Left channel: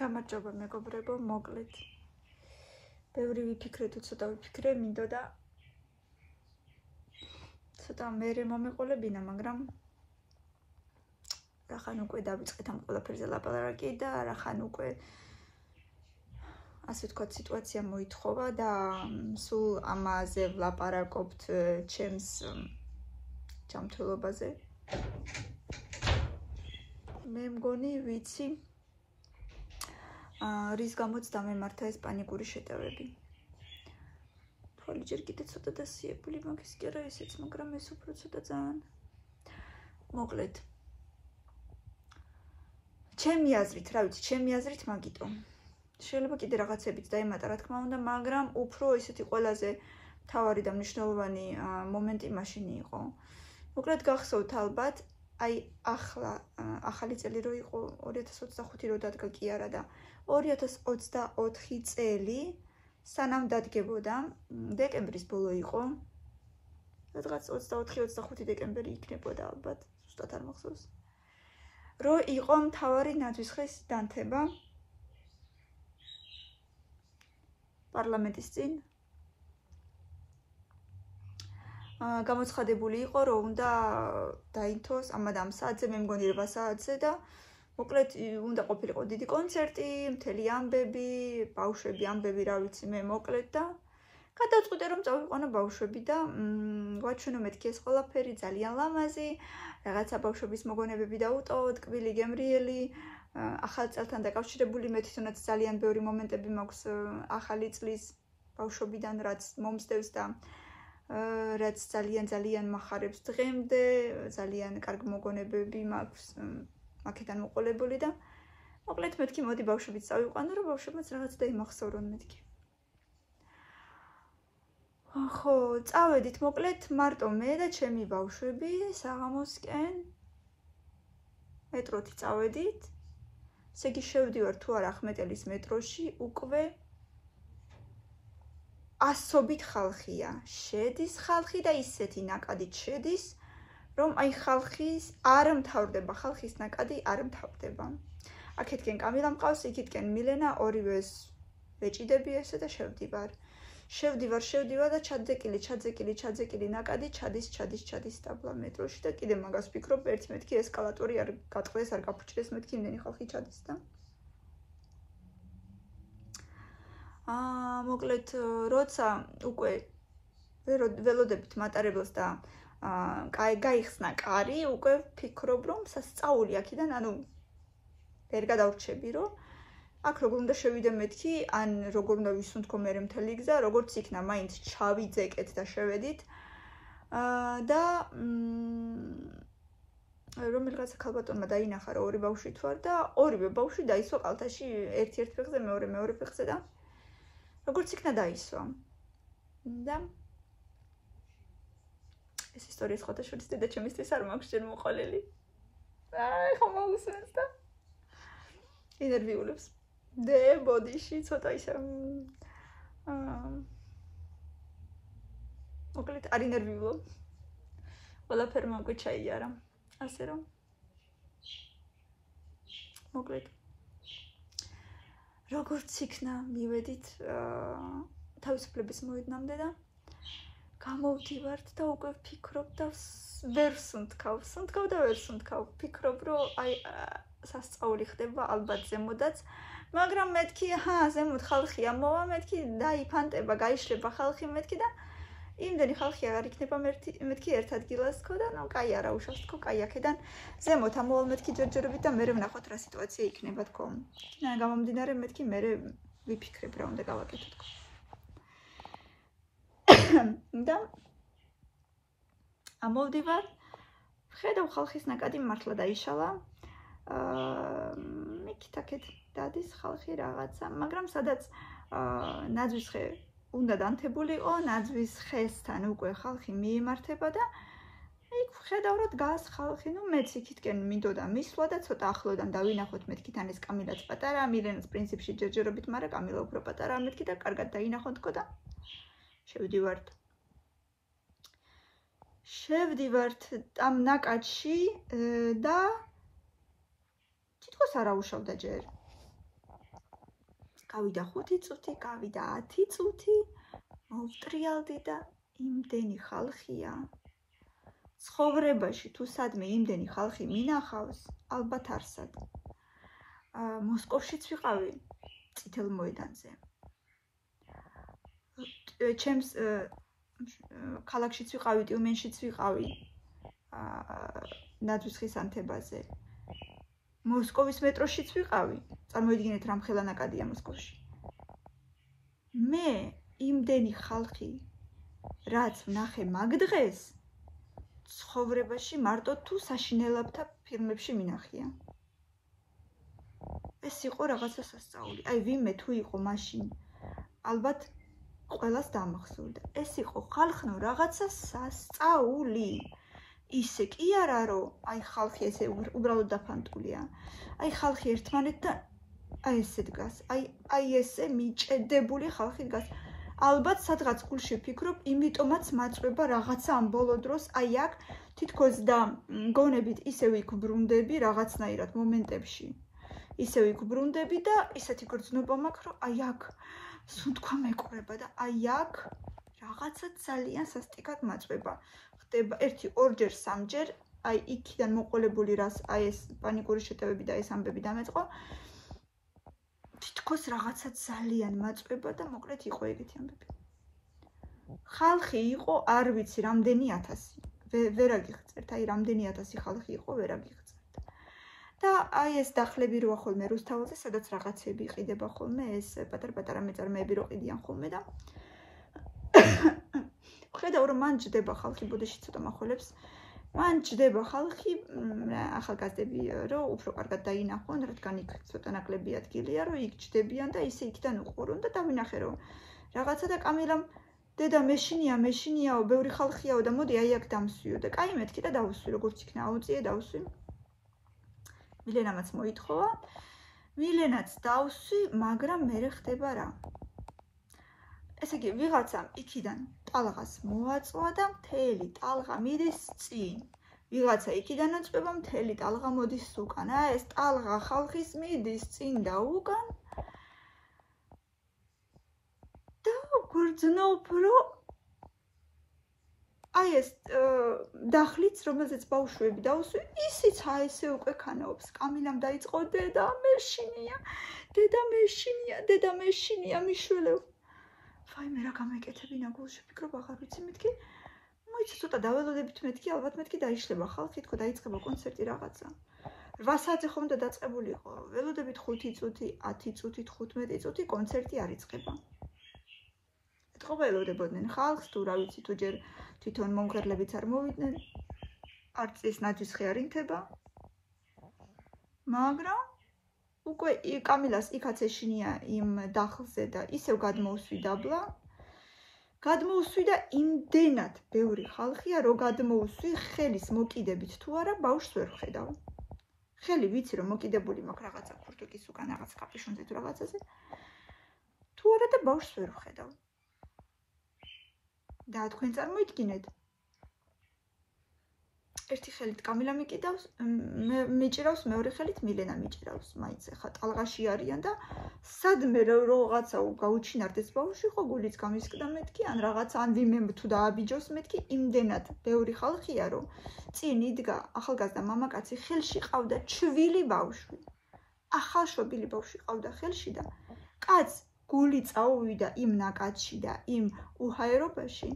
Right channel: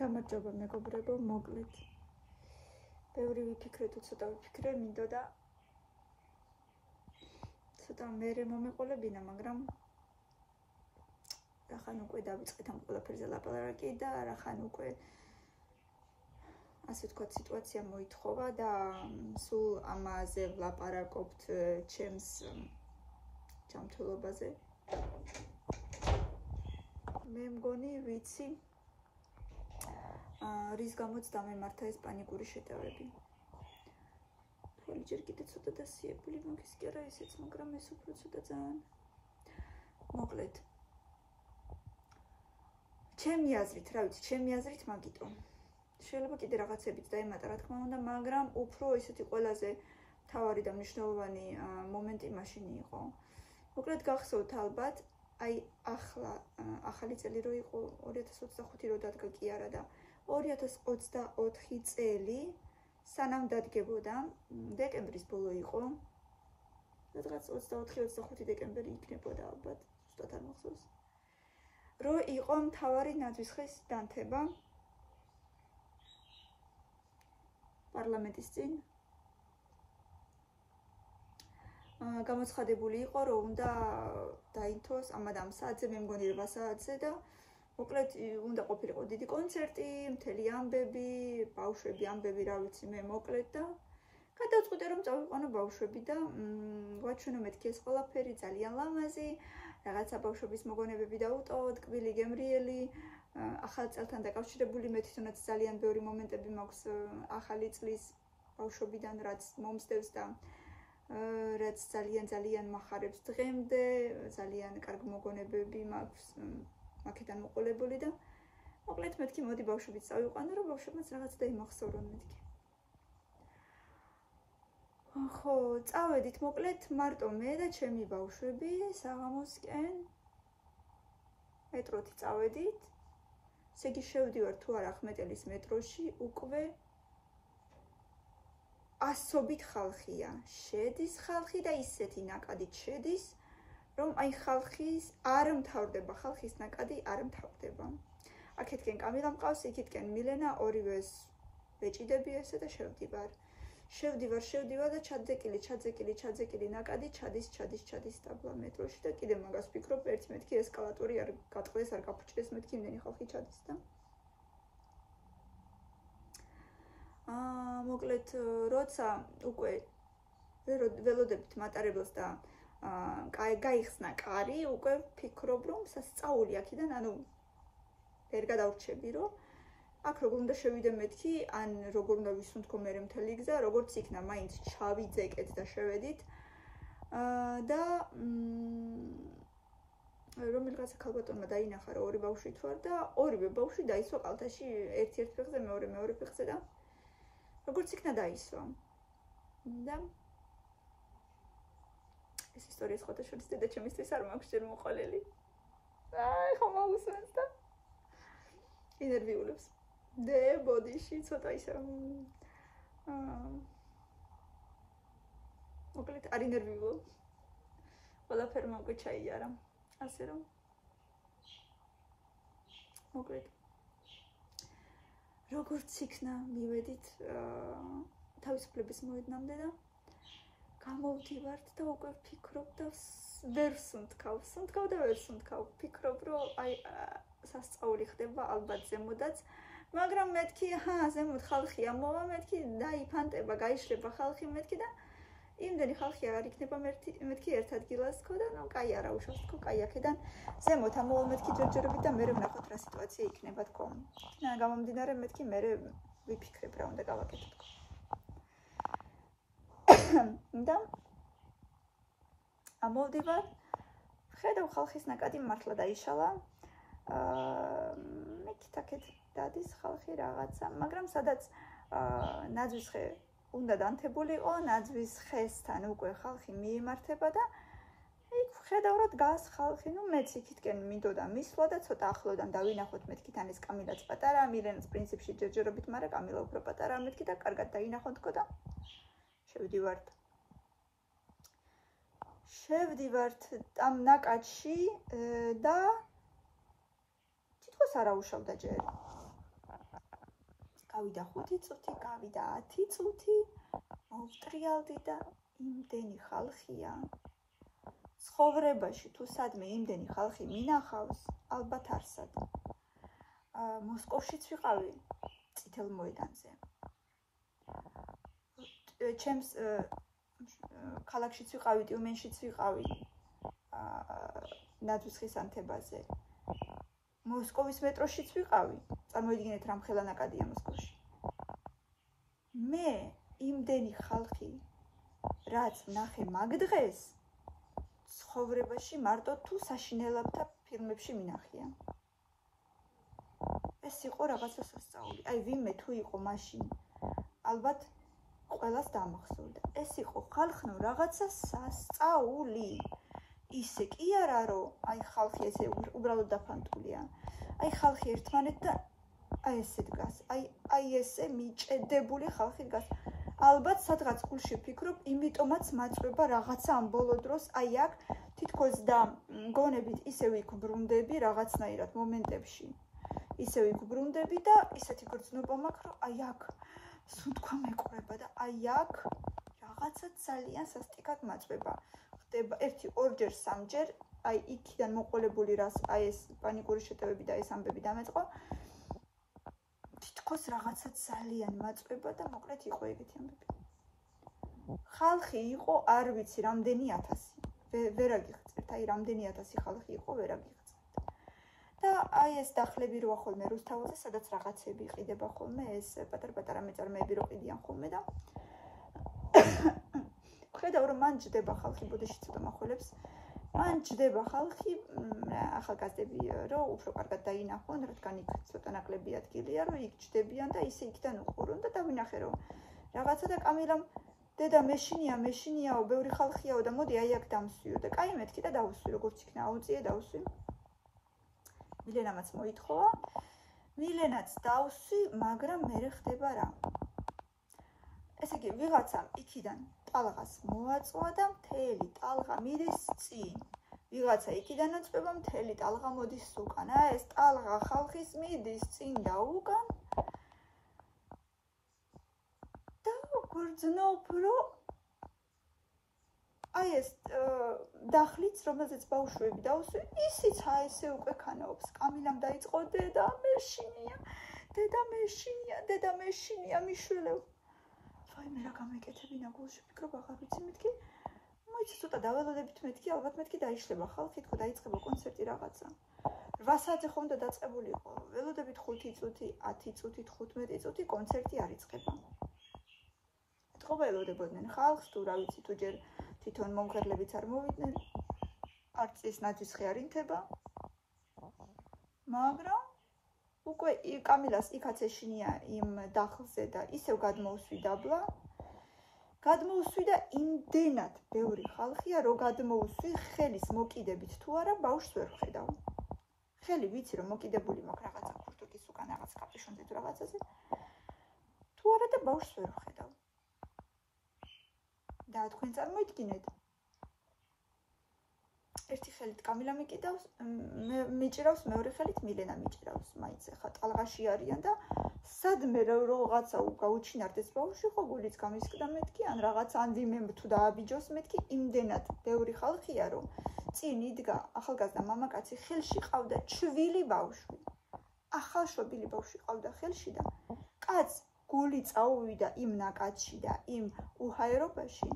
გამარჯობა მეგობრებო, მოკლედ. ბევრი ვიფიქრე თუ ცოტა ვიფიქრე, მინდოდა ცოტა მერე მომეყოლებინა, მაგრამ რახან უკვე დავიწყეთ ამ ყველაფერზე ლაპარაკი და რახან უკვე ასე ვთქვათ სიტუაცია მოითხოვა და სულ ამაზე ვლაპარაკობთ ჩემს ჯანმრთელობაზე. მე მგონი ვიცი რის გამოც დამემართა ეს პანიკური შეტევები. თვალი ჯერ კიდე ცოტა დასიებული მაგის კი არა ისეც, მაგრამ ეს უფრო ცოტა ძალიან. მოკლედ. ჩემი აზრით მაგიტო. შეიძლება კიდე რაღაცებიც დაემატა, რა თქმა უნდა, მაგრამ უფრო ისეთი ყველაზე მთავარი და მნიშვნელოვანი მომენტი მაშინი იყო. მოკლედ გახსოვთ ალბათ, აი ახალი წელი რო იყო 2025 რო დადგა კი არა და 2024 წელი სანამ დადგებოდა, დეკემბრის ბოლო იყო. რაღაც 24-25 დეკემბერი იქნებოდა ალბათ, ზუსტად არ მახსოვს. რო იყო მთავარი ნაძვისხის დანთება პარლამენტის წინ. გამოცხადებული იყო, რომ უნდა დაინთოს ამ საათზე, მე მგონი 8 საათზე და მოკლედ უნდა ყოფილიყო დიდი კონცერტი, მთელი ამბები, ბავშვები ამბები, რა ვიცი მე მოკლედ და გადავწყვიტე რომ წავიყვანო ბავშვები და ვაჩვენო მეთქი ეს ყველაფერი ძალიან ლამაზი, რაღაცა ბავშვების მოგონებები დაუტოვოთ, კბილი გემრიელი, ახალ წელთან დაკავშირებული მე თვითონაც ძალიან ბევრი მომენტები მაქვს ახალი წლის ბავშვებიდან, რაც მომსდევს და რაც ძალიან მახარებს დღემდე, ძალიან კარგი მოგონებები მაქვს აქედან მოყოლებული და მოკლედ მეთქი მოდი ბავშვებიც წავიყვანო, რომ ბავშვებმაც რაღაც დაიმახსოვრონ მეთქი. ხო, წავედით მოკლედ მარტო მე და ჩემი ბავშვები საღამოსკენ მეტროთი წავედით. ესე იგი შევდივარ თუ არა ახმეტელის მეტროში, უკვე ასობით ხალხია. შედის ხალხი და ისეთი ნაკადით შედის, რომ აი ხალხის არ მთავრდება, ხალხის ნაკადი არ მთავრდება. აქეთკენ კამილა მყავს, იქითკენ მილენა, ორივეს ვეჭიდები ესე და შევდივარ და ჩაძეკილი ნაკადი ჩადის დაბლა მეტროში და კიდე მაგას ვფიქრობ, ერთ მეთქი ესკალატორი არ გატყდეს, არ გაფუჭდეს, მეთქი იმდენი ხალხი ჩადის და მოკლედ როცა უკვე ველოდებით მატარებელს და გაიხსნა კარი, უკვე ვფიქრობ, რომ სასწაული აქედან, ანუ ვერ გადავრჩები, რომ აქ როგორ უნდა შევიდე მეთქი, ან როგორ უნდა ვისუნთქო მე მთელი გზა, როგორც იქნა, მაინც ჩავიძეკეთ და შევედით. და რომელიღაცა ქალბატონმა დაინახა, რომ ორი ბავშვი თუ არ და ორივე ბავშვი დაისვა კალთაში, ერთ ფეხზე, მეორე ფეხზე და როგორც იქნა დაისვა. და ეს ისტორია სხვათა შორის დედაჩემისთვის არ მაქვს ჯერ მოყოლილი. ხო მოусმენთ და ინერვიულებს. ბოდიში ცოტა ისე მოკლედ არ ინერვიულობ. ყველაფერმა უკვე ჩაიარა. ასე რომ მოკლედ როგორც იქნა მივედით თავისუფლების მოედნამდე და გამოვდივართ და უკვე ვფიქრობ და ვერ სუნთქავ, ვფიქრობ, რომ აი სასწაული ხდება ალბათ ზემოდაც, მაგრამ მეთქი, ზემოთ ხალხია მოვა, მეთქი დაიფანტება, გაიშლება ხალხი მეთქი და იმდენი ხალხი აღარ იქნება მეთქი ერთ ადგილას თქო და ნუ კაი არა უშავს თქო, კაი აქედან ზემოთ ამოვალ მეთქი ჯერჯერობით და მერე ვნახოთ რა სიტუაცია იქნება თქო. გამომდინარე მეთქი მერე ვიფიქრებ რა უნდა გავაკეთო თქო. და ამოვდივარ, ვხედავ ხალხის ნაკადი მართლა დაიშალა. მეკითაკეთ დადის ხალხი რაღაცა, მაგრამ სადაც ნაძვისხე უნდა დანთებულიყო, ნაძვისხესთან უკვე ხალხი მიემართება და იქ ვხედავ რომ დგას ხალხი, ნუ მეც იქითკენ მინდოდა მისვლა და ცოტა ახლოდან დავინახოთ მეთქი თან ეს კამილაც პატარა, მილენაც პრინციპში ჯერჯერობით, მაგრამ კამილა უფრო პატარა მეთქი და კარგად დაინახოთ თქო და შევდივართ ამ ნაკადში და თითქოს არ აუშავდა ჯერ. გავიდა 5 წუთი, გავიდა 10 წუთი, მოვტრიალდი და იმდენი ხალხია. ცხოვრებაში თუ სადმე იმდენი ხალხი მინახავს, ალბათ არსად. მოსკოვშიც ვიყავი წითელ მოედანზე. ჩემს ქალაქშიც ვიყავი, ტიუმენშიც ვიყავი. ნაძვისხის ანთებაზე. მოსკოვის მეტროშიც ვიყავი. წარმოიდგინეთ რა მხელა ნაკადია მოსკოვში. მე იმდენი ხალხი რაც ვნახე მაგ დღეს ცხოვრებაში მარტო თუ საშინელებთა ფილმებში მინახია. ეს იყო რაღაცა სასწაული. აი ვინმე თუ იყო მაშინ ალბათ ყველას დამახსოვდა. ეს იყო ხალხნო რაღაცა სასწაული. ისე კი არა რომ აი ხალხი ესე უბრალოდ დაფანტულია. აი ხალხი ერთმანეთთან აი ესე დგას. აი ესე მიჭედებული ხალხი დგას. ალბათ სადღაც გულში ვფიქრობ, იმიტომაც მაწვება რაღაცა ამ ბოლო დროს აი აქ თითქოს და მგონებით ისე ვიგბრუნდები რაღაცნაირად მომენტებში. ისე ვიგბრუნდები და ისეთი გრძნობა მაქვს, რომ აი აქ სუნთქვა მეკვრება და აი აქ რაღაცა ძალიან სასტიკად მაწვება. ხდება 1-2 3-ჯერ, აი იქიდან მოყოლებული რას აი ეს პანიკური შეტევები და ეს ამბები დამეწყო. თითქოს რაღაცა ძალიან მაწვება და მოკლედ იყო ეგეთი ამბები. ხალხი იყო, არ ვიცი, რამდენი 1000. ვერ აგიხსენებთ, აი რამდენი 1000 ხალხი იყო, ვერ აგიხსენებთ. და აი ეს დახლები როა ხოლმე რუსთაველზე, სადაც რაღაცები ყიდება ხოლმე, ეს პატარ-პატარა მეწარმეები რო ყიდიან ხოლმე და ხედავ რომ მან ჯდება ხალხი, ბუდეში ცოტა מחოლებს. მან ჯდება ხალხი, ახალგაზრდები რომ უფრო კარგად დაინახონ, რადგან იქ ცოტა ნაკლები ადგილია, რომ იქ ჯდებიან და ისე იქიდან უყურონ და დავინახე რომ რაღაცა და კამილამ დედა მეშინიაო, ბევრი ხალხიაო და მოდი აი აქ დამსვიო და კაი მეთქი და დავსვი, როგორც იქნა აუწიე დავსვი. მილენამაც მოითხოვა, მილენაც დავსვი, მაგრამ მე ხდება რა. ესე იგი, ვიღაცამ იქიდან ტალღას მოაწვა და მთელი ტალღა მიდის წინ. ვიღაცა იქიდან აწვება, მთელი ტალღა მოდის უკან. ეს ტალღა ხალხის მიდის წინ და უკან. და გრძნობ, რომ აი ეს დახლიც, რომელზეც ბავშვები დავსვი, ისიც ესე უკვე ქანაობს. კამილამ დაიწყო დედა მეშინია მიშველევ. აი მე რა გამეკეთები ნაგულში ვფიქრობ აღარ ვიცი მეთქი მოიცა ცოტა დაველოდებით მეთქი ალბათ მეთქი დაიშლება ხალხი თქო დაიწყება კონცერტი რაღაცა 8 საათზე ხომ და დაწყებული იყო ველოდებით 5 წუთი 10 წუთი 15 წუთი კონცერტი არ იწყება ეთქობა ელოდებოდნენ ხალხს თუ რა ვიცი თუ ჯერ თვითონ მომღერლებიც არ მოვიდნენ არც ეს ნაძვისხი არ ინთება მაგრამ უკვე კამილას იქაც ეშინია იმ დახლზე და ისევ გადმოუსვი დაბლა. გადმოუსვი და იმდენად ბევრი ხალხია, რომ გადმოუსვი ხელის მოკიდებით თუ არა, ბავშვს ვერ ვხედავ. ხელი ვიცი რომ მოკიდებული მაქვს რაღაცა ფურთუკის უკან რაღაც კაპიშონზე თუ რაღაცაზე. თუ არა და ბავშვს ვერ ვხედავ. და თქვენ წარმოიდგინეთ ერთი ხელით კამილა მიკიდავს, მეჭირავს, მეორე ხელით მილენა მიჭირავს, მაინც ხა ტალღაში არიან და სადმე რაღაცა გაუჩინარდეს ბავშვი, ხო გულიც გამისკდა მეთქი, ან რაღაცა ან ვინმე თუ დააბიჯოს მეთქი, იმდენად ბევრი ხალხია, რომ წინ იდგა ახალგაზრდა მამაკაცი, ხელში ყავდა ჩვილი ბავშვი. ახალშობილი ბავშვი ყავდა ხელში და კაც გული წაუვიდა იმ ნაკადში და იმ უჰაერობაში.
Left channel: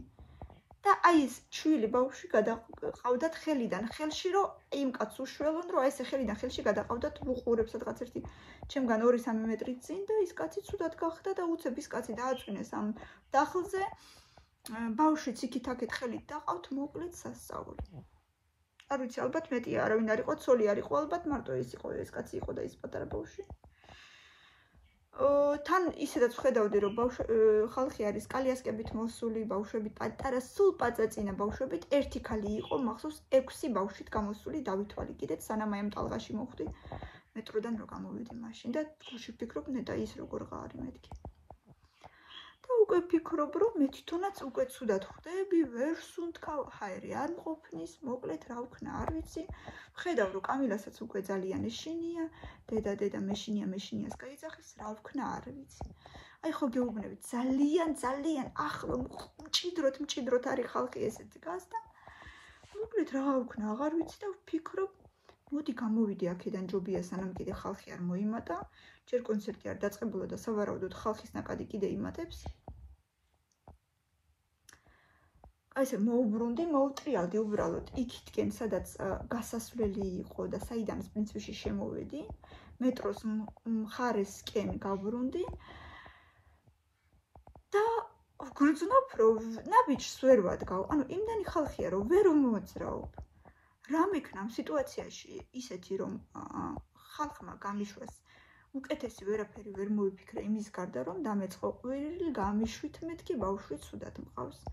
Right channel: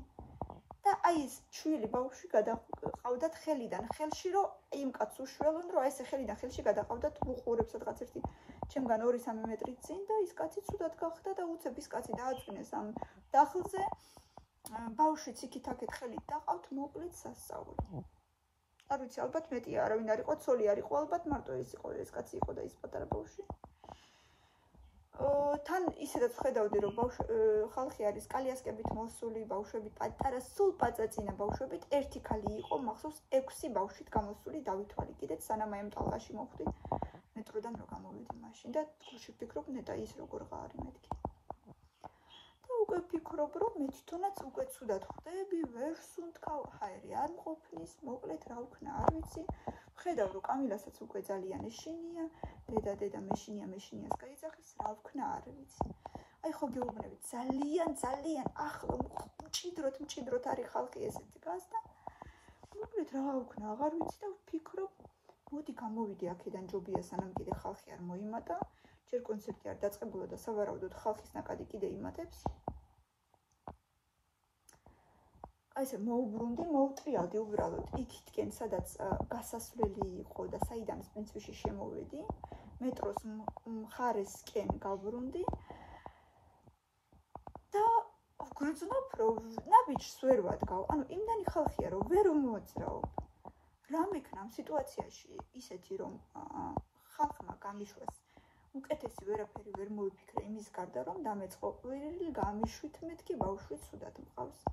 და აი ეს ჩვილი ბავშვი გადაყავდათ ხელიდან ხელში რომ იმ კაცს უშველონ რომ აი ესე ხელიდან ხელში გადაყავდათ უყურებს სადღაც ერთი ჩემგან 2-3 მეტრი წინ და ის კაცი ცუდად გახდა და უცებ ის კაცი დააწვინეს ამ დახლზე ბავშვიც იქით-აქეთ ხელით დაყავთ მოკლედ სასწაული არ ვიცი ალბათ მეტია არავინ არ იყო ცოლი არ იყო ალბათ მარტო ის იყო ეს კაცი იყო და ის პატარა ბავშვი თან ისედაც ვხედავდი რომ ხალხი არის კალიასკებით მოსული ბავშვები პატარა სულ პაწაწინა ბავშვებით ერთი ქალი იყო მახსოვს 6 ბავშვით გამოსული დავითვალი კიდეც სანამ აი ამ ტალღაში მოვხვდი მეტროდან რო გამოვიდი მაშინ და გულში ვფიქრობ ნეტა ის როგორ ღარი მეთქი და უკვე ვფიქრობ რომ მე თვითონაც უკვე ცუდად ხვდები ვერ სუნთქავ ჰაერი არ მყოფნის მოკლედ რა ვქნა არ ვიცი ვხედავ რომ კამილასაც უკვე ძალიან ეშინია დედა მეშინიას გაიძახეს რა ვქნა არ ვიცი. აი ხო გეუბნებით ძალიან ახლო მჭიდროდ არის ხალხი ესე დგას და მოკლედ რა ვქნა აღარ ვიცი და ვფიქრობ მოდი გამოვიდე აქედან ჯობია სანამ კიდე ხალხი არ მოიმატა ჯერ კონცერტი არ დაწყებულა და სავარაუდოდ ხალხის ნაკადი კიდე იმატებს აი ესე მოუბრუნდი მოვტრიალდი უბრალოდ იქითკენ სადაც გასასვლელი იყო და საიდანაც პრინციპში შემოვედი მეტროს მხარესკენ გავბრუნდი და ვგრძნობ რომ ნაბიჯს ვერ ვადგავ ანუ იმდანი ხალხია რომ ვერ მოძრაობ რა მექნა ამ სიტუაციაში ისეთი რომ ხალხმა გამიშვას უკეთესი ვერაფერი ვერ მოვიფიქრე იმის გარდა რომ დამეწყო ყვირილი გამიშვით მეთქი ბავშვი ცუდად მყავს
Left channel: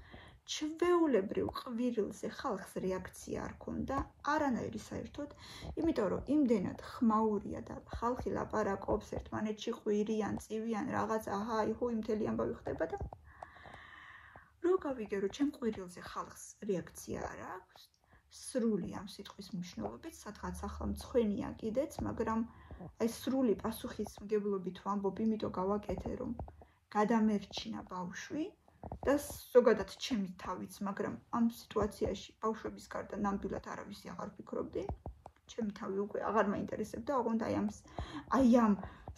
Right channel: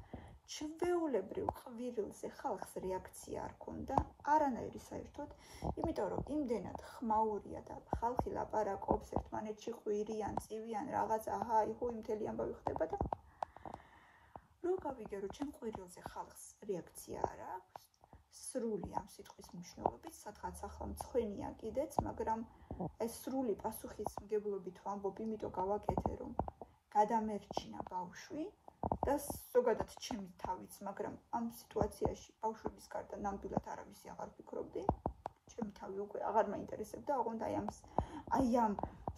ჩვეულებრივ ყვირილზე ხალხს რეაქცია არ ქონდა არანაირი საერთოდ იმიტომ რომ იმდენად ხმაურია და ხალხი ლაპარაკობს ერთმანეთში ყვირიან წივიან რაღაც აჰა იჰუ იმთელი ამბავი ხდება და რო გავიგე რომ ჩემ ყვირილზე ხალხს რეაქცია არ აქვს სრული ამ სიტყვის მნიშვნელობით სადღაც ახლა მცხვენია კიდეც მაგრამ აი სრული პასუხისმგებლობით ვამბობ იმიტომ გავაკეთე რომ გადამერჩინა ბავშვი და ზოგადად ჩემი თავიც მაგრამ ამ სიტუაციაში ბავშვების გარდა ნამდვილად არავისი აღარ ვფიქრობდი ჩემი თავი უკვე აღარ მაინტერესებდა ოღონდ აი ამ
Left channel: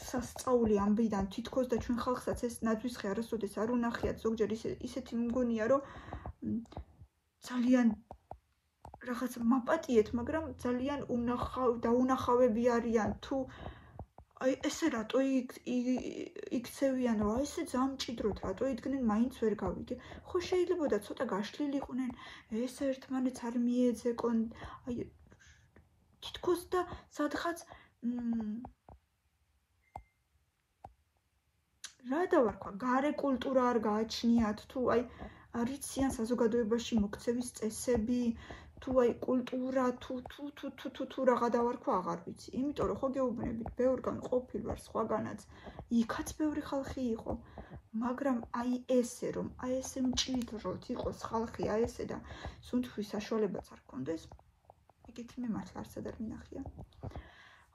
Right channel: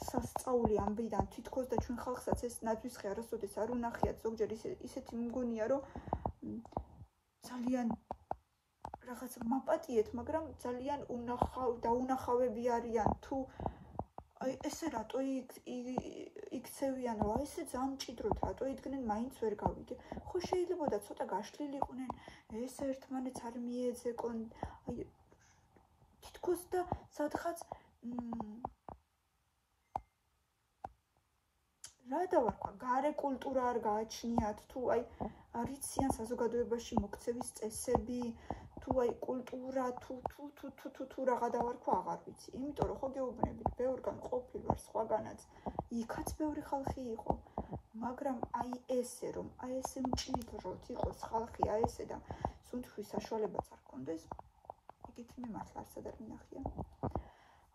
სასწაული ამბიდან თითქოს და ჩვენ ხალხსაც ეს ნაძვისხე არასოდეს არ უნახიათ ზოგჯერ ისეთი მგონია რომ ძალიან რაღაც მაპატიეთ მაგრამ ძალიან დაუნახავები არიან თუ აი ესე რატო იქცევიან რა ესე ძალიან მჭიდროდ რატო იდგნენ მაინც ვერ გავიგე ხო შეიძლებოდა ცოტა გაშლილიყვნენ ეს ერთმანეთს არ მიეძეკონ აი თითქოს და სადღაც რა დავარქვა გარე კულტურა არ გააჩნიათ თუ აი არიციან საზოგადოებაში მოქცევის წესები თუ აი კულტურა თუ რაღა დავარქვა აღარ ვიცი იმიტომ რომ ხო გეუბნებით ბევრგან ყოფილ ვარ სხვაგანაც იქაც ბევრი ხალხი იყო მაგრამ აი ესე რომ აი ესე მჭიდროდ იყოს ხალხი აი ესე და სუნთქვის საშუალებაც არ ქონდეს ეგეთი მე მართლა არცად არ მინახია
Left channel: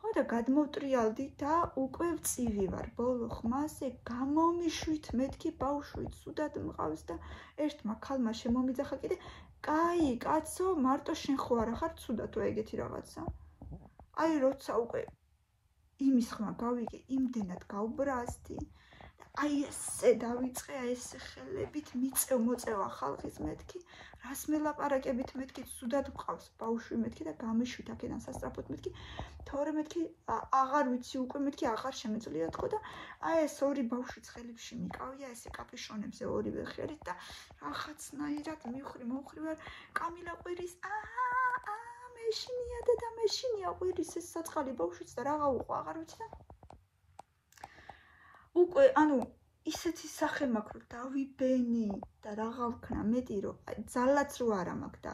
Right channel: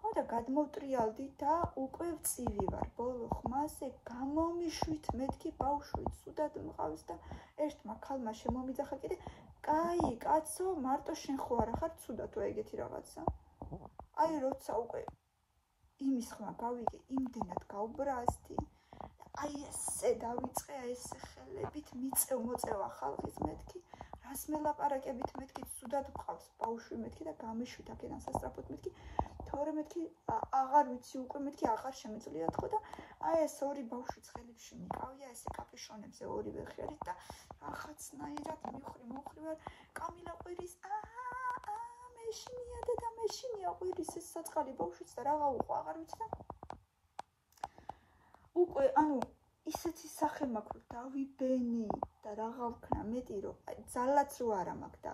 ხო და გადმოვტრიალდი და უკვე ვწივი ვარ ბოლო ხმაზე გამომიშვით მეთქი ბავშვი ცუდად მყავს და ერთმა ქალმა შემომიძახა კიდე კაი კაცო მარტო შენ ხო არა ხარ ცუდათო ეგეთი რაღაცა აი როცა უკვე იმის ხმა გავიგე იმდენად გავბრაზდი აი ესე დავიწყე აი ესე ხელებით მოწევა ხალხის მეთქი რას მელაპარაკებით მეთქი ცუდად მყავს ბავშვი მეთქი და გამიშვით აქედან სასწრაფოდ მეთქი თორე მეთქი აღარ ვიცი უკვე მეთქი აღარ შემეძლია თქო და აი ეს ორი ბავშვი ცხელებში მიკავია ესე კაპიშონებზე ორივე ხელით და რაღაცნაირად მივხვრი ვარ კამილა ყვირის მეშინია და მეშინია ყვირის ეს საწყალი ბავშვიც და რაღა უყვა აღარ ვიცი და უკვე ანუ ისეთი სახე მაქვს რომ დავიბენი და რაღა ვქნა მეტი რომ ძალაც რო არა მაქვს და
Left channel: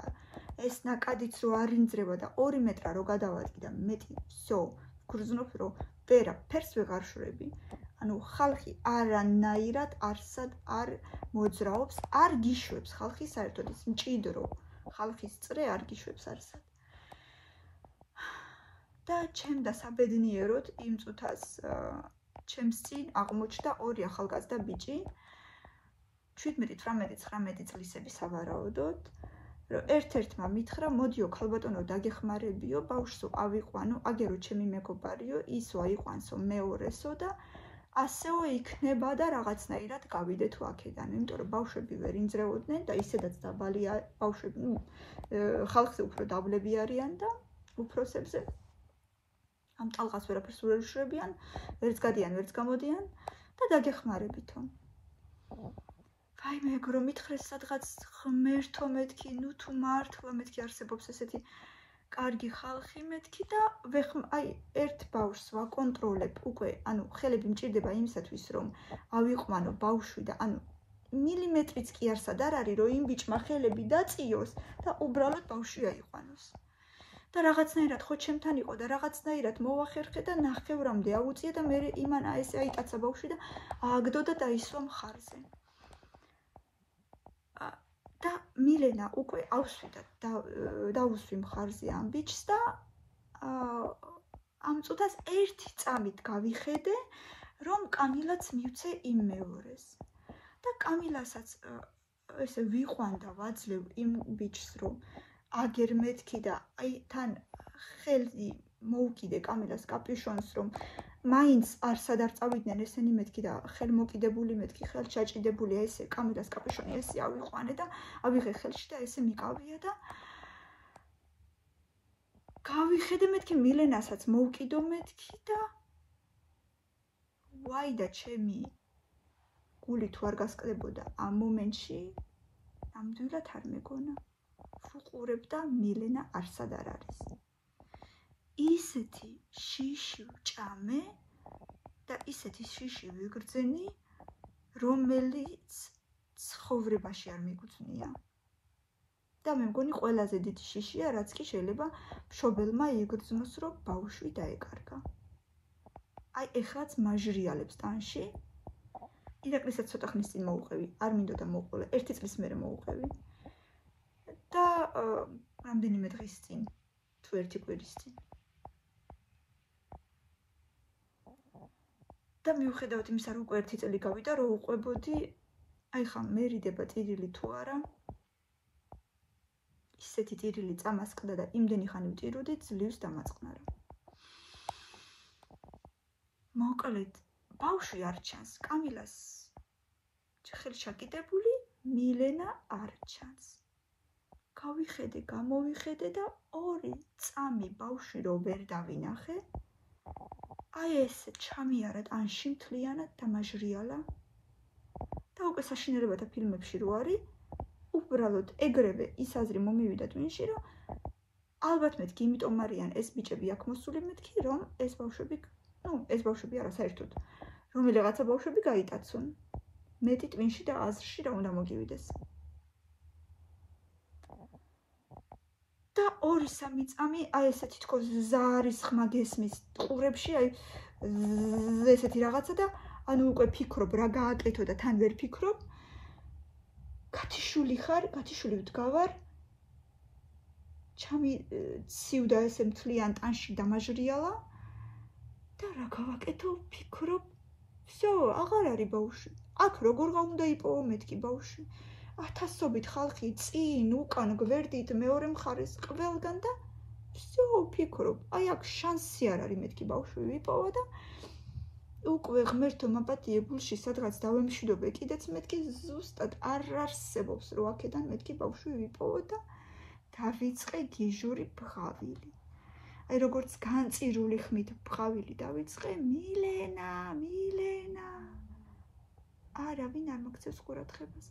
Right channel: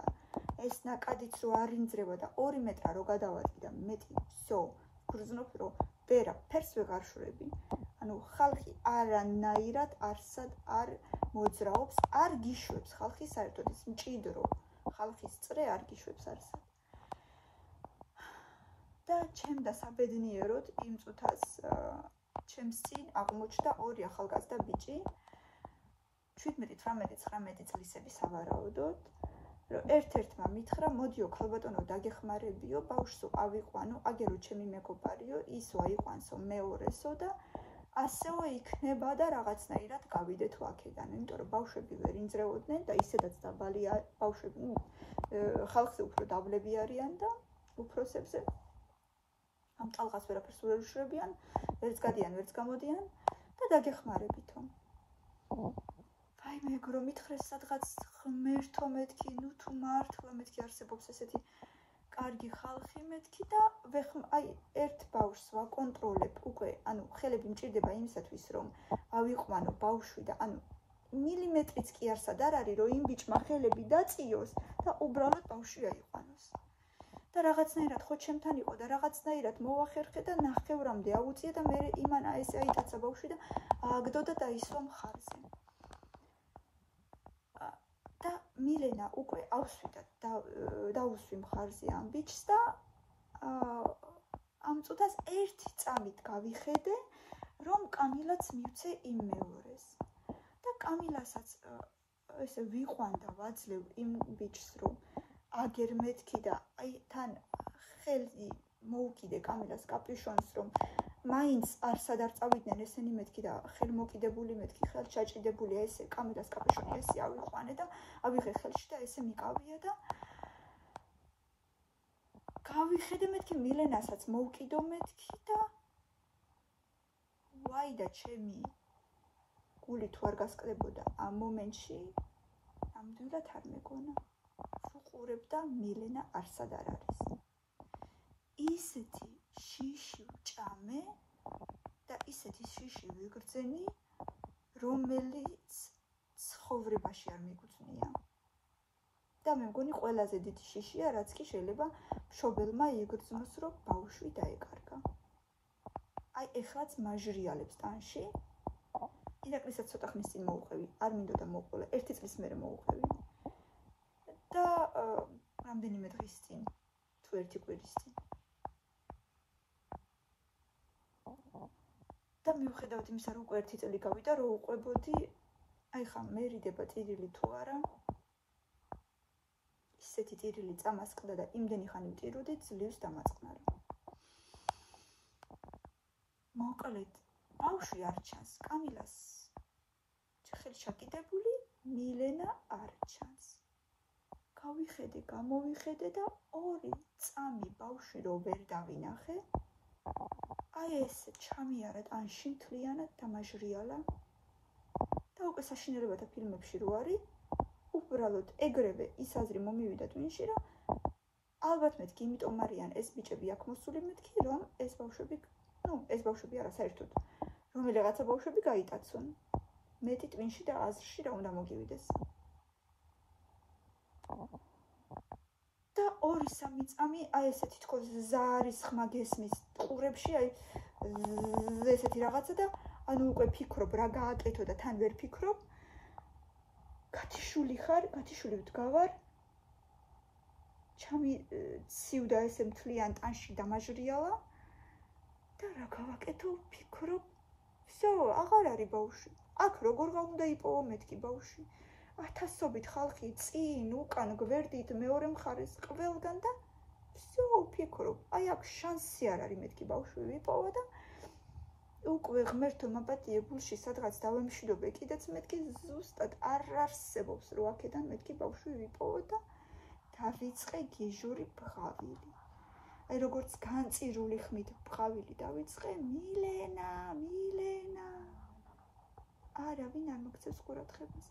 ეს ნაკადიც რო არ ინძრება და 2 მეტრა რო გადავარდი და მეტი всё გრძნობ რომ ფერს ვეღარ შვრები ანუ ხალხი არანაირად არსად არ მოძრაობს არ გიშვებს ხალხი საერთოდ ის მჭიდრო ხალხის წრე არ გიშვებს არსად და ჩემ და საბედნიეროდ იმ წუთას ჩემს წინ აღმოჩნდა 2 ახალგაზრდა ბიჭი 17-18-19 წლისები სავარაუდოდ რომ ერთ-ერთმა მითხრა მოდიო ქალბატონო დაგეხმარებიო ბავშვსო ავიყვანო აგერო ჩემი მეგობარიო ისო აიყვანსო მეორესო და ასეო იქნება და რაღაცნაირად გავიდეთო აქედან იმიტომ რომ ბავშვები ვერ ინძრეოდნენ და ისედაც დაბალია ბავშვები ხალხზე უფრო დაბლები არიან და უფროსებზე ამ ტალღას ვერაფერს ვერ უშრებიან ვერც გადიან ვერც გამოდიან და დაგეხმარებითო აი მეგრო მითხრეს სადღაც ღმერთო მეთქი ნუ თუ მართლა მეთქი არსებობს ესეთი კარგი ხალხი მეთქი და აი ერთ ბავშვს ვაკონტროლებ უკვე ანუ ხელები მჭირდება იმისათვის რომ ავიყვანო ბავშვი და ანუ მილიმეტრიც კი არსად არ არის რომ იმ ბიჭმა ხელები დაწიოს და უბრალოდ ბავშვი აიყვანოს და რაღაცნაირად ხო ჩემთან იყო და რაღაცნაირად მოვახერხე და ნახევრამდე აუწია და მე იმან ესე აიტაცა ბავშვი და ააგდო და დაისვა მხარზე და მილენა უკვე ავსვი და დაუსვი მხარზე ამ ბიჭს და ამ წუთას ერთი წამით გავიხედე რომ კამილაც მივცე იმ მეორეს. და კამილასაც ესე ვიყვანდა ვაძლევ იმ ბიჭს, რომ აგერ მეთქი და აი თან ხელი მოუკიდე კამილას კაპიუშონს, რომ მაინც არსად არ წავიდნენ ესენი მეთქი და ხელმოკიდებული მეთქი, ხელჩაჭიდებული ესე კამილას კაპიუშონი ესე ავიყვანე და ავიღე ხელში და ესე მიყავია და გავიხედე მეთქი მილენასაც მოუკიდო მეთქი და ვაი და ჩემი გული თუ არ გასკდებოდა ამ მომენტში ნამდვილად არ მეგონა ვუყურებ და მილენა არსად არ არის ისეთი შიში ვჭამე და ისეთი შიში ვიგრძენი რომელიც ცხოვრებაში არ მიგუძნია და მე მგონი ყველაზე დიდი შიშია რაც კი შეიძლება მშობელმა იგრძნოს რომ ბავშვი დაეკარგა აი ეხლაც მაჟრიალებს ტანში ირაკლისაც ცოტა ხნის წინ მოუყევი არ მინდოდა მოუყოლა 1 წლის მერე მოუყევი და რამდენიმე დღის წინ თუ 1 კვირის წინ და მიუხედავად იმისა რომ უკვე 1 წელი გავიდა რომ უყვებოდი აი ხა მერიდება ტირილი თუ არა ისეთი ტირილი წამასკდა და იმდენი ხანი ვტიროდი ძლივს დამაწყნარა მოკლედ ბავშვი არ ჩანს კამილას ხელი ჩაკიდებული მილენა არ ჩანს გავიხედე გამოვიხედე და 2 წამი ბავშვი რო ვერ დავინახე აი ეს ჩამიარა ტანში მთლიანად დამაჟრიალა და უკვე საშინელებათა ფილმებში რო არის უბრალოდ ეგრევე ის აზრი მომივიდა ტვინში რომ ალბათ მეთქი იმიტომ არიან ეს ბიჭები აქ მოსული მეთქი რომ ეს ბავშვები ეს ბავშვები არა საერთოდ რომელიღაცა ბავშვები გაიტაცონ მეტი ტვინში და აზრში რა უნდა მოგივიდეს და 2-3 წამი აი ესე თითქოს ზარის ხმა გესმის ყურებში აი ესეთი რაღაცა და ანუ უკვე ფიქრობ რა გააკეთო და თან ვერ ფიქრობ გათიშული ხარ გათიშული ვდგავარ ჩამი ცივდა ესე მთლიან ტანში დამაჟრიალა და რა გავაკეთო ფიქრობ всё აღარ არის ბავშვი აქ როგორ უნდა იპოვო მეთქი ბავშვი ათასობით ხალხი წინ უკან გვერდით მეორე მხარეს ყველგან და всё ფიქრობ აი აქ შანსი არ არის მეთქი ბავშვი ვიპოვო და უკვე ღმერთო მაპატიე გულში სადღაც დავემშვიდობე კიდეც მეთქი ზუსტად არ არსებობს რომ აქედან მეთქი ბავშვი ვიპოვო და დავიწყე გიჟური ბღავილი აი როგორც განწირული ხმით ბღავილი დავიწყე მილენა არავინ არ მოგცევს ყურადღებას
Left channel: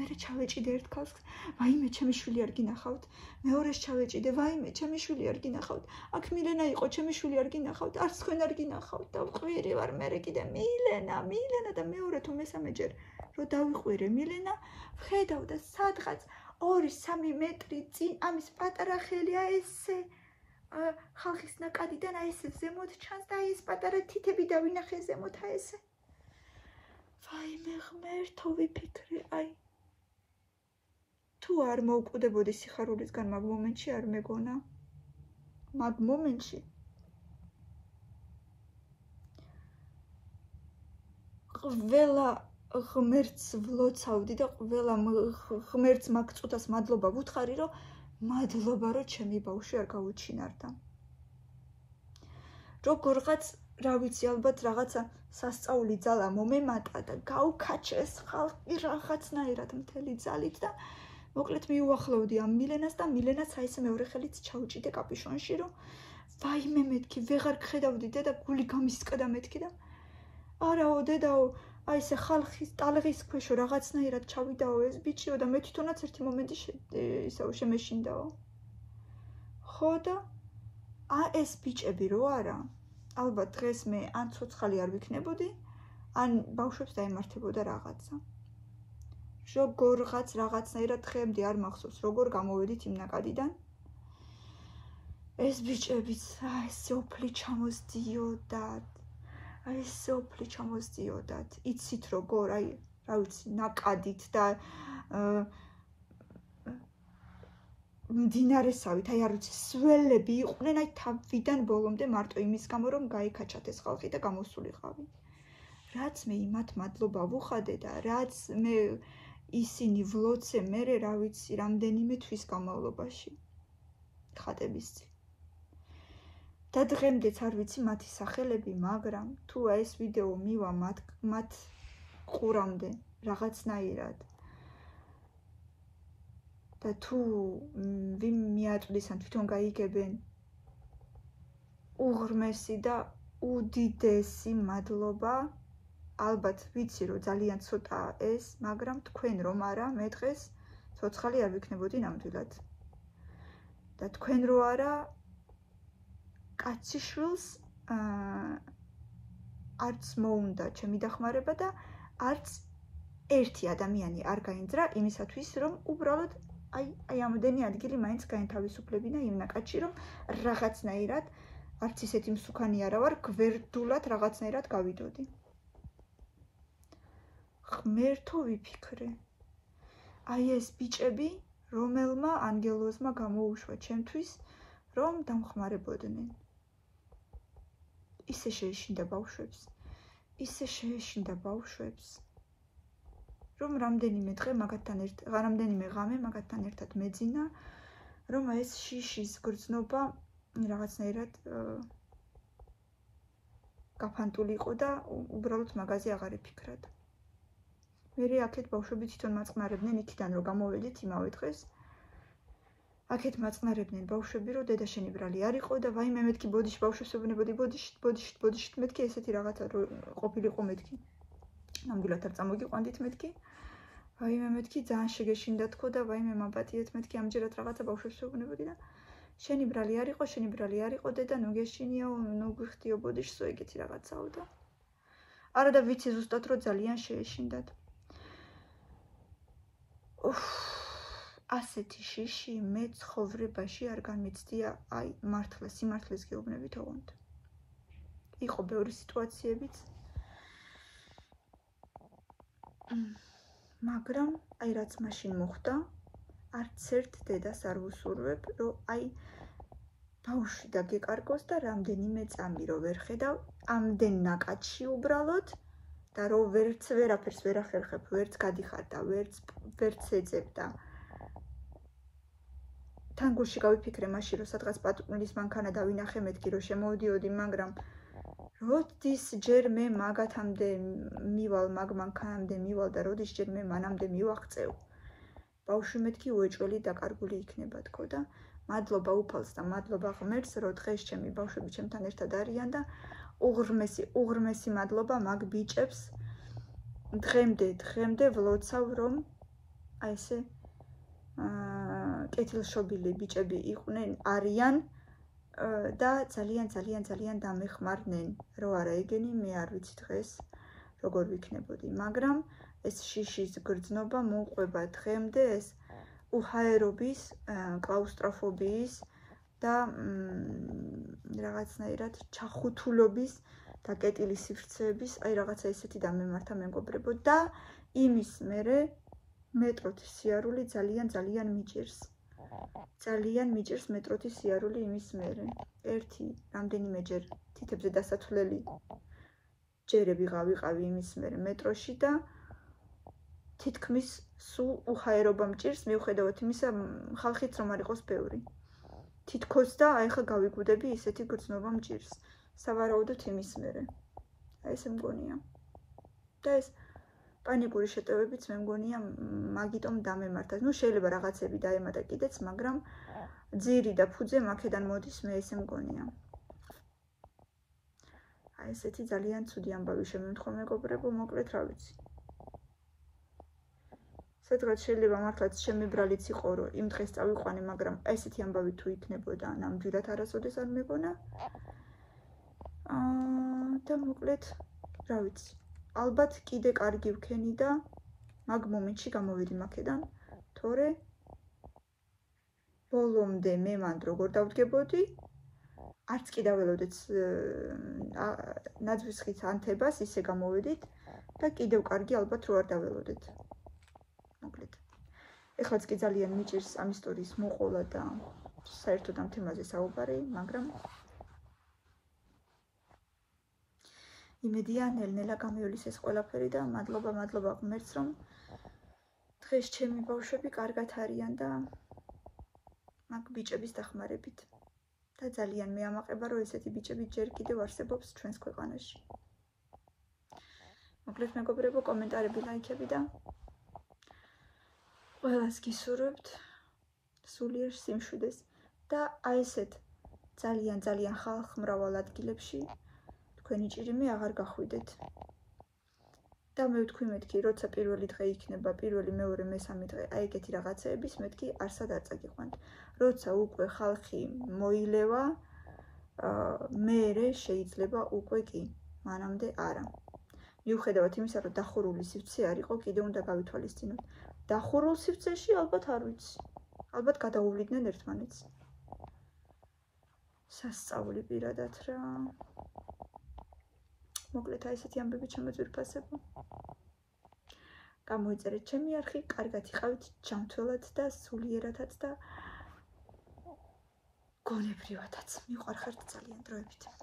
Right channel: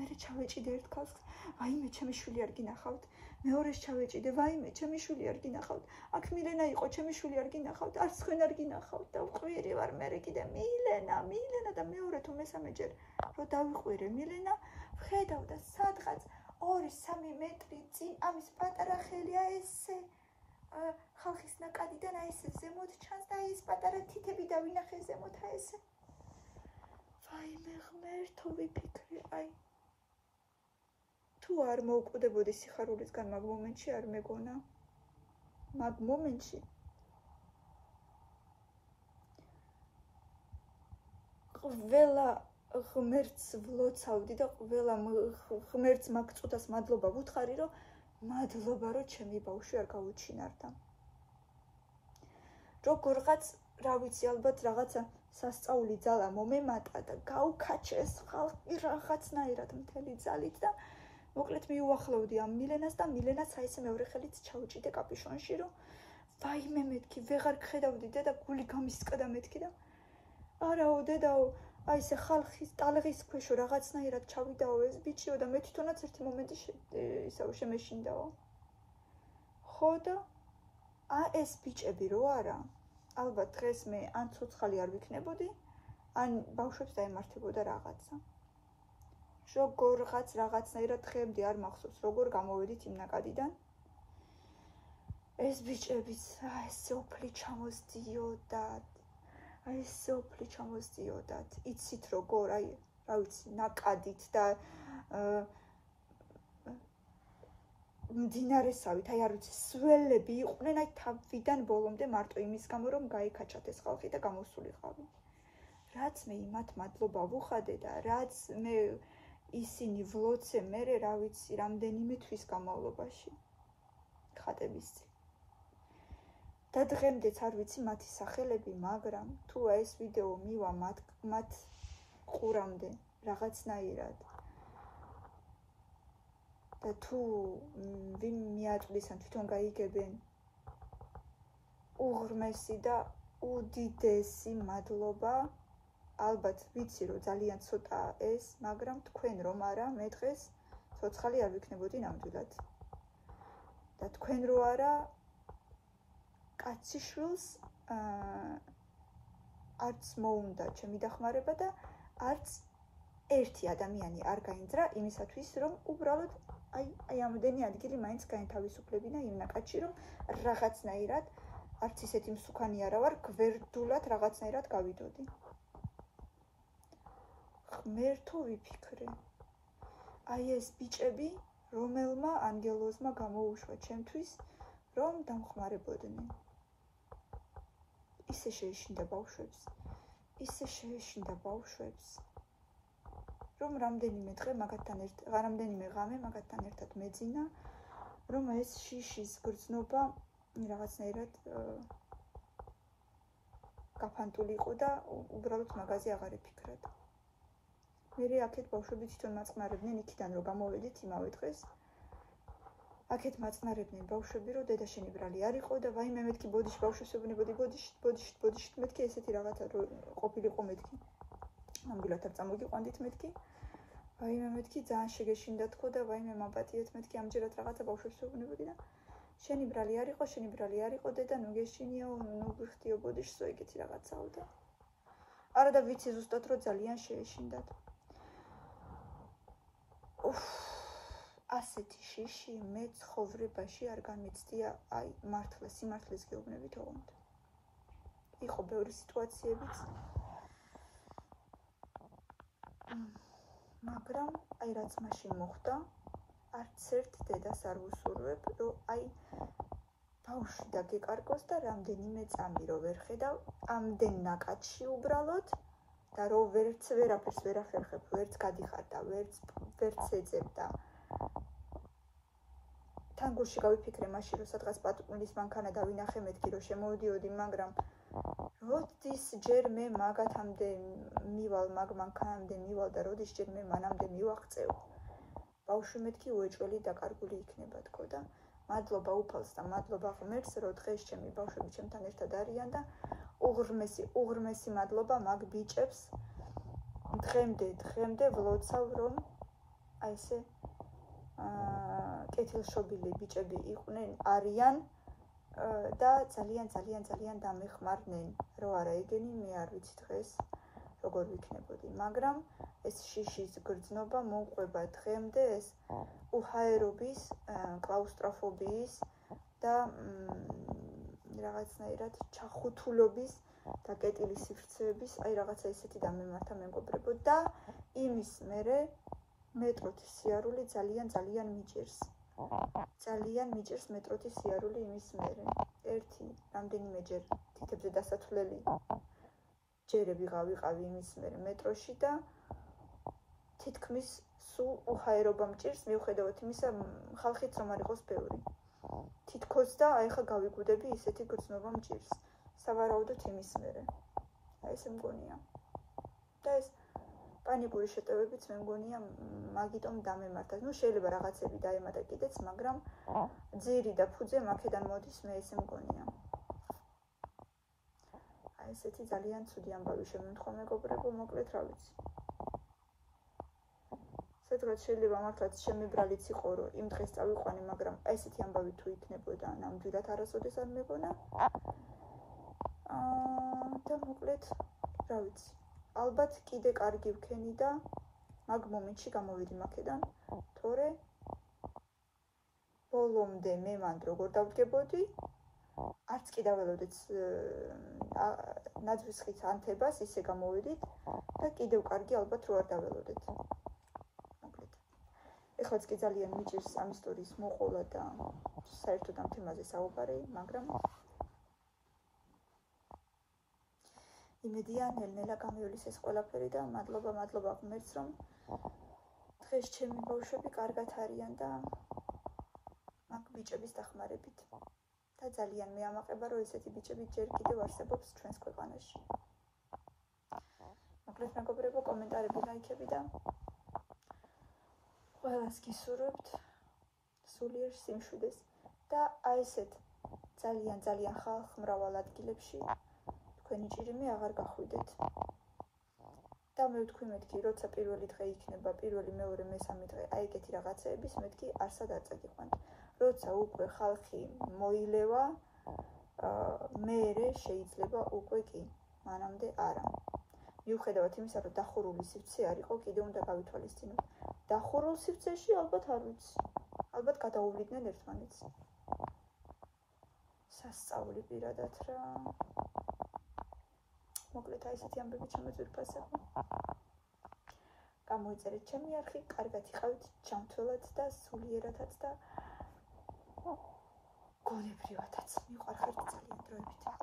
მერე ჩავეჭიდე ერთ ქალს ვაიმე ჩემი შვილი არ გინახავთ მეორეს ჩავეჭიდე ვაიმე ჩემი შვილი არ გინახავთ აქ მილენა იყო ჩემი შვილი არ გინახავთ არც თქვენ არ გინახავთ და ვყვირი ვარ მერე კიდე მილენა და მეორე თუ მესამეჯერ რომ დავიყვირე მილენა ვხედავ და სადღაც 2-3 მეტრი წინ ამის პატარა ხელია ესე ხალხის ნაკადიდან აი ესე ზემოთ ჩანს და აი ეს პატარა თითები დავინახე ზემოთ აი ესე ვაიმე ღმერთო ვიფიქრე აი თუ არ მოვკვდებოდი სიხარულისგან მაგ მომენტში არ მეგონა მაგ მომენტში ყველა ღმერთს ვლოცავდი და ყველა ღმერთს მაგ წუთას მადლობა ვუთხარი რომ მადლობა რომ ჩემი ბავშვი არ გავუჩინარდა როგორღაც რა ვიცი ალბათ რაღაცა სასწაული ძალა მომემატა და გავქაჩეს ხალხი რაღაცნაირად მთელი ძალით და მოკლედ მიუახლოვდი ამ მილენას და მილენაც აი ესე მეორე ხელით ჩაუჭიდე კაპიუშონში რომ ვაიმე მეთქი ვეღარ გხედავდი დედა გული გამისკდა მეთქი და არაო დედაო აი ესე ხალხის ტალღის ქვეშო რაღაცნაირად ჩავიდაო ეს ბიჭიო და მე თვითონაც ერთი მომენტი ისევ შემეშინდაო ხო და ეს ბიჭები რო არა ალბათ დღეს მე ან ცოცხალი არ ვიქნებოდი ან ბავშვებს დაემართებოდა რაღაცა როგორღაც რაღაცნაირად დღემდე არ მახსოვს როგორ გამოვედით იმ ნაკადიდან ეს ბიჭებიც ესე ოფლი ჩამოსდიოდათ იცით როგორ აი რა ვიცი ნაკადით და მდინარესავით აი არ ვიცი სველები იყვნენ აი თავიდან ბოლომდე მარტო იმის გამო რომ გაიქაჩათ ეს ხალხი და გამოსულიყავი რა რაც მე იმათ მადლობა ვუხადე და რაც მე ისინი ვლოცე მერე რა ვიცი რამდენიმე თვის განმავლობაში ხატების წინ. და დღემდეც არ ვიცი მათი სახელები, მაგრამ თუ ეს ვიდეო მივა მათ ყურამდე რაღაცნაირად და თუ ვინ მიაწვდის ან თვითონ გაიგებენ უღრმესი და უდიდესი მადლობა. ალბათ ვიცი რომ ძალიან ცოტაა ეს, მაგრამ თქვენ რომ არა მე დღეს ცოცხალი არ ვიქნებოდი ნამდვილად. და თქვენ რო არა კაციშვილს არც მოუნდა ჩემი დახმარება და არც ერთი ადამიანი არ გაინძრა იმისათვის რომ უბრალოდ აი ამდენი ადგილი მაინც გაენთავისუფლებინა იმ ნაკადში რომ რაღაცნაირად არც ისეთი მსუქანი არა ვარ გვერდულად რაღაცნაირად გავიდოდი. ღმერთო ვიფიქრე. აი ეს ბიჭები რომელმა ანგელოზმა გამოუშვა ჩემთვის რომ დამხმარებოდნენ. ისე შეეშინდა ბავშვებს. რომ რამდენიმე ღამე მაგათთან ერთად მეძინა, რომ ეს შიშის გრძნობა რაღაცნაირად გაფანტული იყო და უბრალოდ მაგაზე აღარ ეფიქრა. მე აქეთ ბავშვები თვითონ მაწყნარებდნენ იქიდან რომ გამოვედით იმავე დღეს. აქეთ მაწყნარებდნენ ბავშვები რომ დედა შენი ბრალი არ იყო და ვაიმე მეთქი ბოდიში ბავშვებს ვეუბნებოდი ბოდიში მეთქი ესეთი რაღაცა რო ყოფილიყო მეთქი. ნამდვილად არ წამოგიყვანდით მეთქი. ვაიმე მეთქი ძალიან შეგეშინდა თქო და ვაიმე მაპატიეთ მეთქი ამჯერად რაღაცა ბავშვებს ვეუბნებოდი და შენი ბრალი არ იყო დედა ნუ გეშინიო ნუ გვიხდიო ბოდიშსო ეგეთი რაღაცაო და არა და ვიცი ზუსტად რომ ძალიან შეეშინდათ. ასეთი შიში მე ცხოვრებაში არ განმეცდია აი მართლა სიმართლეს გეუბნებით ოღონდ. იყო ბევრი სიტუაციებიც მაგრამ აი რაც მაშინ მოხდა არც ერთ დედას არ ვუსურვებ რომ აი ბავშვი დაგეკარგოს და რამდენიმე წამი რომ ვერ ხედავ ამდენ ნაკადში უბრალოდ და რომ ვერაფერს ვერ ახერხებ, ვერც გადიხარ და ვერც ეძებ და თან გულში გავიფიქრე მაშინ რომ სადღაც პატრულის მანქანა დავინახე მეთქი რომ შემოვდიოდი, მაგრამ როდის ჯერ მე მაგათამდე მივალ მაგ მანქანამდე მივალ და როდის ჯერ მე მანამდე მივაღწევ. ბავშვი მეთქი უეჭველი დაკარგული იქნება თქო და მადლობა უფალს და მადლობა ღმერთს რომ დღეს ჩემი ბავშვები ჩემთან ერთად არიან და უღრმესი მადლობა მაგ ბიჭებს დღემდე ვლოცავ რომ აი ესე კეთილშობილი ბიჭები არიან და ძალიან დამეხმარნენ რომ არა ეგენი მე არ ვიცი დღეს როგორ ვიქნებოდი, მაგრამ ეს შიშის გრძნობა მომყვება დღემდე ეს უჰაერობის, კლაუსტროფობიის და რაღაცნაირად ჩახუთულობის და კეტილი სივრცეების, აი რაღაცა ისეთი დამემართა მეგობრებო და იმის მერე მეტროთი სიარული ძალიან მიჭირს. ძალიან მიჭირს მეტროთი სიარული იმის მერე. ერთი რამდენიმეჯერ თითებზე დასათვლელი ჯერები ვიყავი იმის მერე მეტროში და თითქმის სულ უჰაერობა მჭირს მიუხედავად იმისა ხალხიც რომ არ იყოს ბევრი. თითქოს და აი ხა გავიგუდები ისეთი გრძნობა მჭირს. სავარაუდოდ იმის მერე. აი ეს მგონია. და ეს პანიკური შეტევებიც მე მგონია მაგიტომ დამემართა. ნუ შეიძლება რაღაცები დაემატა კიდეც, მაგრამ ძირი და ფუძე მაქედან მოდის მე ესე მგონია. აი ესეთი ძალიან ცუდი ამბავი შემემთხვა მეგობრებო, მოკლედ რა ვიცი. სადღაც შეიძლება მართლაც ჩემი ბრალიც იყო რომ იმ დღეს წავიყვანე, მაგრამ ესეთი ამბავი თუ იქნებოდა ნამდვილად არასოდეს არ მეგონა. და მოკლედ რა ვიცი. ალბათ კიდე კარგი ვქენი და მაგ მომენტში გამოვიდი მაქედან, თორე ბოლომდე მე მანდ როგორ დავდგებოდი, არც კი დაველოდეთ ნაძვის ხის ანთებას, ისე გამოვედით და კიდევ კარგი ალბათ რო არ დაველოდეთ. მოკლედ. ეხლაც კი ძალიან მიჭირს ამ ისტორიის მოყოლა და საერთოდ ამ თემაზე საუბარი, მაგრამ იმედია ნელ-ნელა გამივლის ეს ყველაფერი და მადლობა ღმერთს, რომ დღეს ჩემი ბავშვები კარგად არიან და მაგ ბიჭების დახმარებით. და ძალიან მეამაყება, რომ ესეთი ბიჭები ჯერ კიდევ არსებობს ჩვენს ქვეყანაში. მოკლედ მეგობრებო, კომენტარები, ლაიქები და ყველას გისურვებთ სულიერ სიმშვიდეს და აი ესეთ ძალიან ხალხმრავალ ადგილებში თქვენი ჭირიმი აღარ გახვიდეთ. და მე ვთქვი მეთქი, როცა პირველი დღე იქნება, პირველი, მეორე, მესამე დღე, აი ეგეთი რაღაცეების მეთქი არსად არ წაგიყვანთ. როცა უკვე ხალხი მოილევა, მერე შეიძლება უკვე კი, მანამდე არა. მიუხედავად იმისა, რომ დახურული სივრცე არ იყო, კიდე უნდა გავითვალისწინოთ. დახურულ სივრცეში ალბათ არ ვიცი. ალბათ გადაუვლიდნენ ერთმანეთს. სასწაული პირადად რა. მოკლედ აი ესეთი ამბები ჩემოძვირფასებო. გამოიწერეთ ჩემი არხი, კარგად იყავით, ჯანმრთელად და სულიერადაც და გონებრივადაც. მიყვარხართ ძალიან დროებით.